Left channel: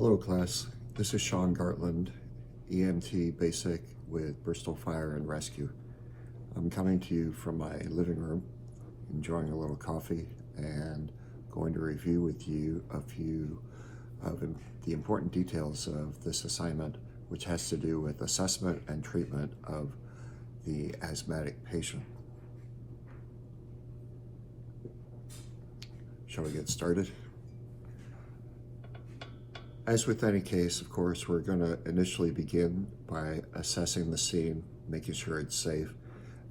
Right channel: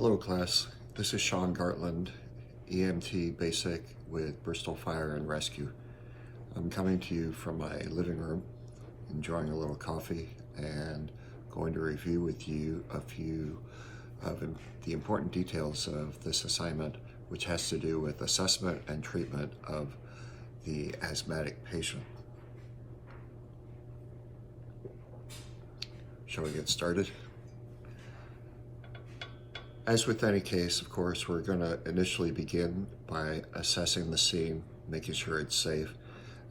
Hello class, this is Sean Gartland, EMT Basic with Bristol Fire and Rescue. I'm coming to you from my living room, enjoying a little coffee and going to review with you a few of the important details of this assignment, which has to do with assessment and treatment of the asthmatic patient. Shall we get started? As with any case, of course, we're going to initially begin by assessing the scene, making sure it's safe,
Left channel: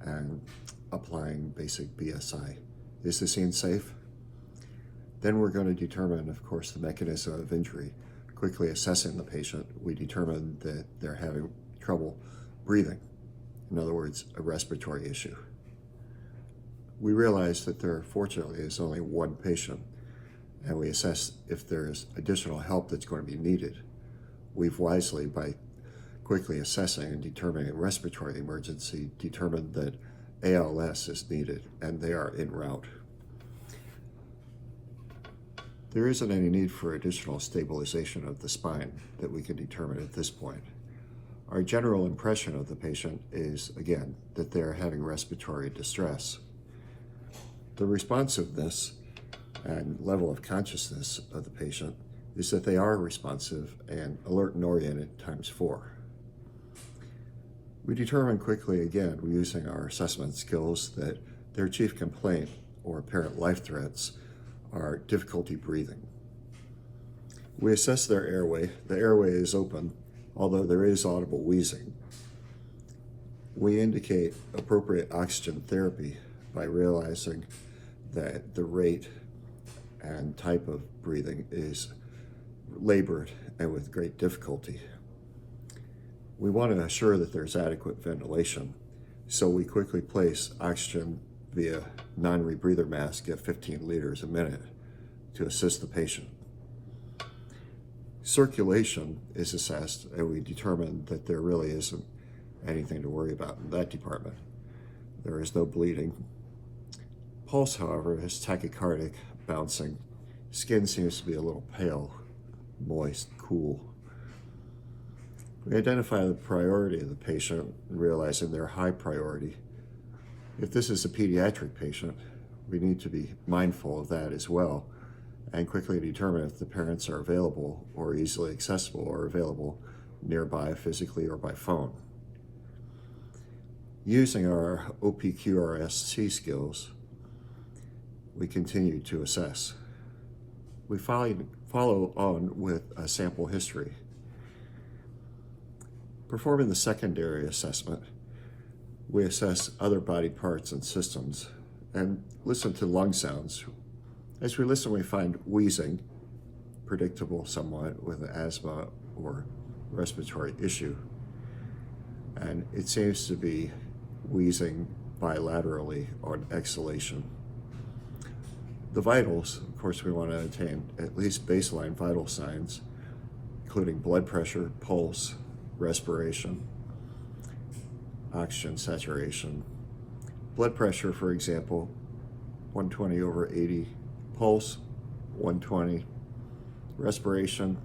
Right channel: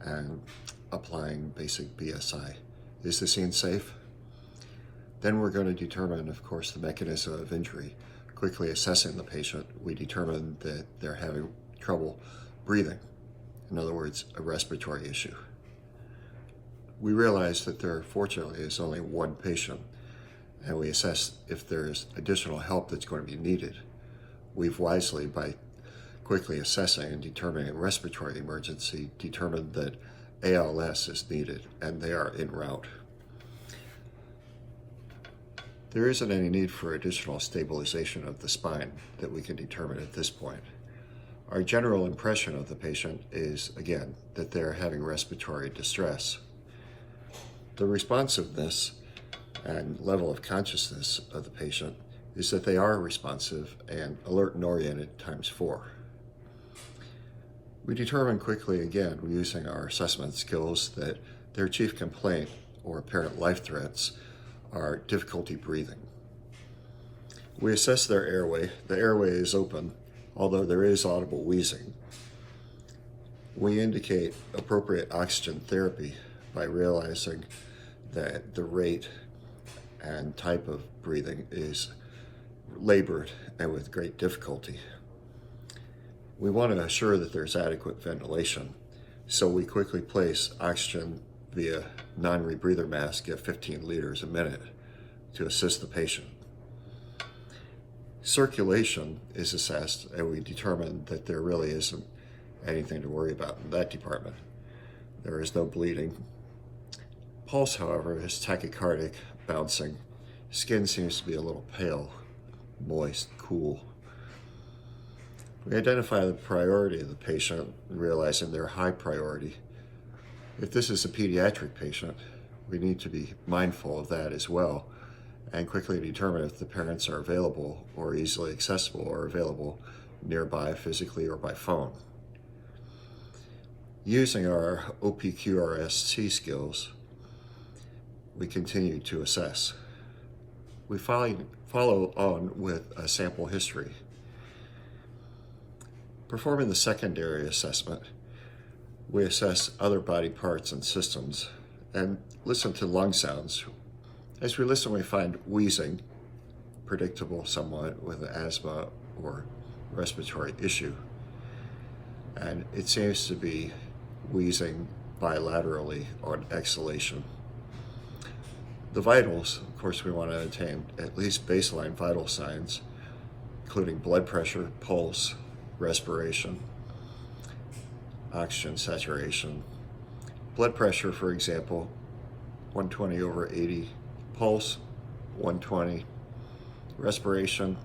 and applying basic BSI. Is the scene safe? Then we're going to determine, of course, the mechanism of injury. Quickly assessing the patient, we determine that they're having trouble breathing. In other words, a respiratory issue. We realize that there, fortunately, is only one patient, and we assess if there's additional help that's going to be needed. We've wisely, by quickly assessing and determining a respiratory emergency, determined that ALS is needed, and they are en route. There isn't any need for additional stabilization of the spine that we can determine at this point. Our general impression of the patient is, again, that they're having respiratory distress. The responsiveness and level of consciousness of the patient is that they are responsive and alert and oriented ×4. We determine quickly, again, using our assessment skills, that their chief complaint or apparent life threats are difficulty breathing. We assess their airway. The airway is open, although there is audible wheezing. We indicate appropriate oxygen therapy by realizing that the rate and type of breathing is labored and with great difficulty. We want to assure that there's adequate ventilation, so we quickly place oxygen via non-rebreather mask at 15 liters a minute to assist the patient. Circulation is assessed, and we determine that there really isn't anything to worry about in that department. There is no bleeding. Pulse, however, is tachycardic, bouncing. Skin seems to be a little pale, moist, cool. We identify the priority of the patient, realizing their high priority. If this is a pediatric patient, we need to be mindful of that as well, and quickly determine if the parents are available or easily accessible or available nearby physically or by phone. Using our OPQRST skills, we continue to assess. We follow on with a sample history. Performing the secondary assessment, we assess other body parts and systems and listen to lung sounds. As we listen, we find wheezing, predictable somewhat with an asthma or respiratory issue. And it seems to be wheezing bilaterally on exhalation. The vitals, of course, we want to attain at least baseline vital signs, including blood pressure, pulse, respiration, oxygen saturation. Blood pressure, for example, 120/80, pulse, 120, respiration,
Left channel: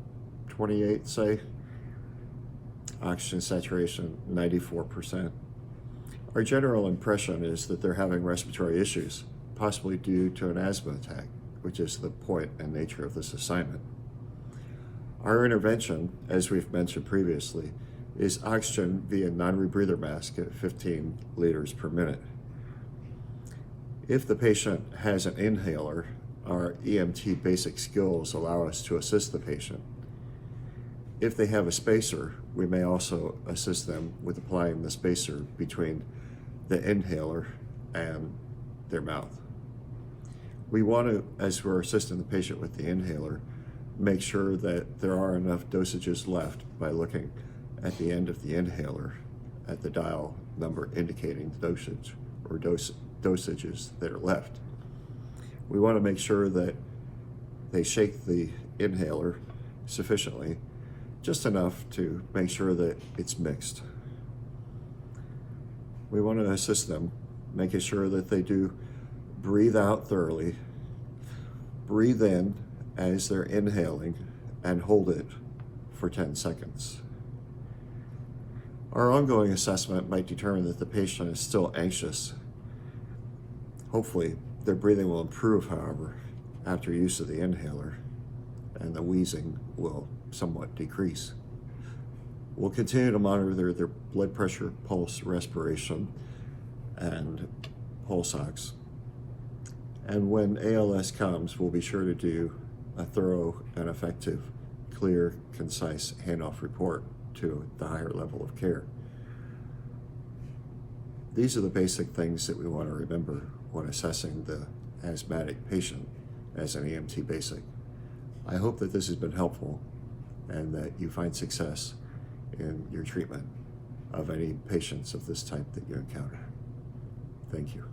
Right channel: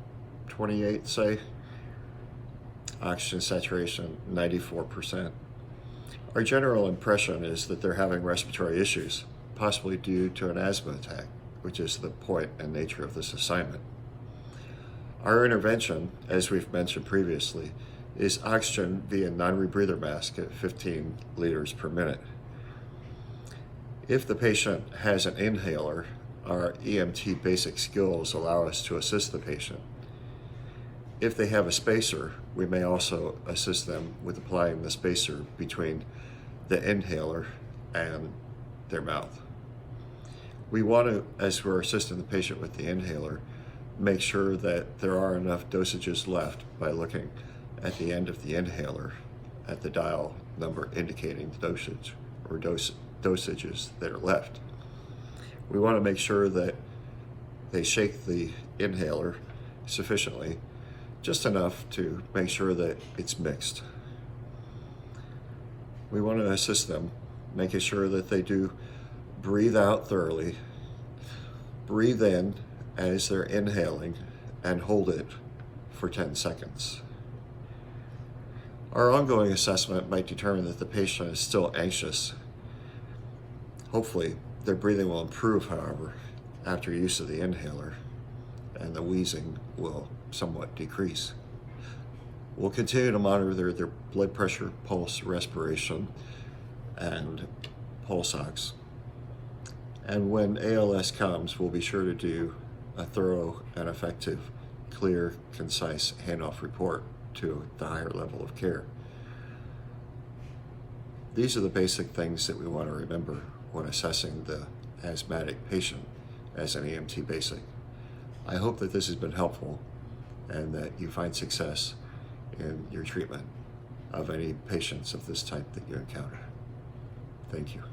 28, say, oxygen saturation, 94%. Our general impression is that they're having respiratory issues, possibly due to an asthma attack, which is the point and nature of this assignment. Our intervention, as we've mentioned previously, is oxygen via non-rebreather mask at 15 liters per minute. If the patient has an inhaler, our EMT basic skills allow us to assist the patient. If they have a spacer, we may also assist them with applying the spacer between the inhaler and their mouth. We want to, as we're assisting the patient with the inhaler, make sure that there are enough dosages left by looking at the end of the inhaler at the dial number indicating the dosage or dosages that are left. We want to make sure that they shake the inhaler sufficiently, just enough to make sure that it's mixed. We want to assist them, making sure that they do breathe out thoroughly, breathe in as they're inhaling, and hold it for 10 seconds. Our ongoing assessment might determine that the patient is still anxious. Hopefully, their breathing will improve, however, after use of the inhaler, and the wheezing will somewhat decrease. We'll continue to monitor their blood pressure, pulse, respiration, and pulse ox. And when ALS comes, we'll be sure to do a thorough and effective, clear, concise handoff report to the higher level of care. These are the basic things that we want to remember when assessing the asthmatic patient as an EMT basic. I hope that this has been helpful and that you find success in your treatment of any patients of this type that you encounter. Thank you.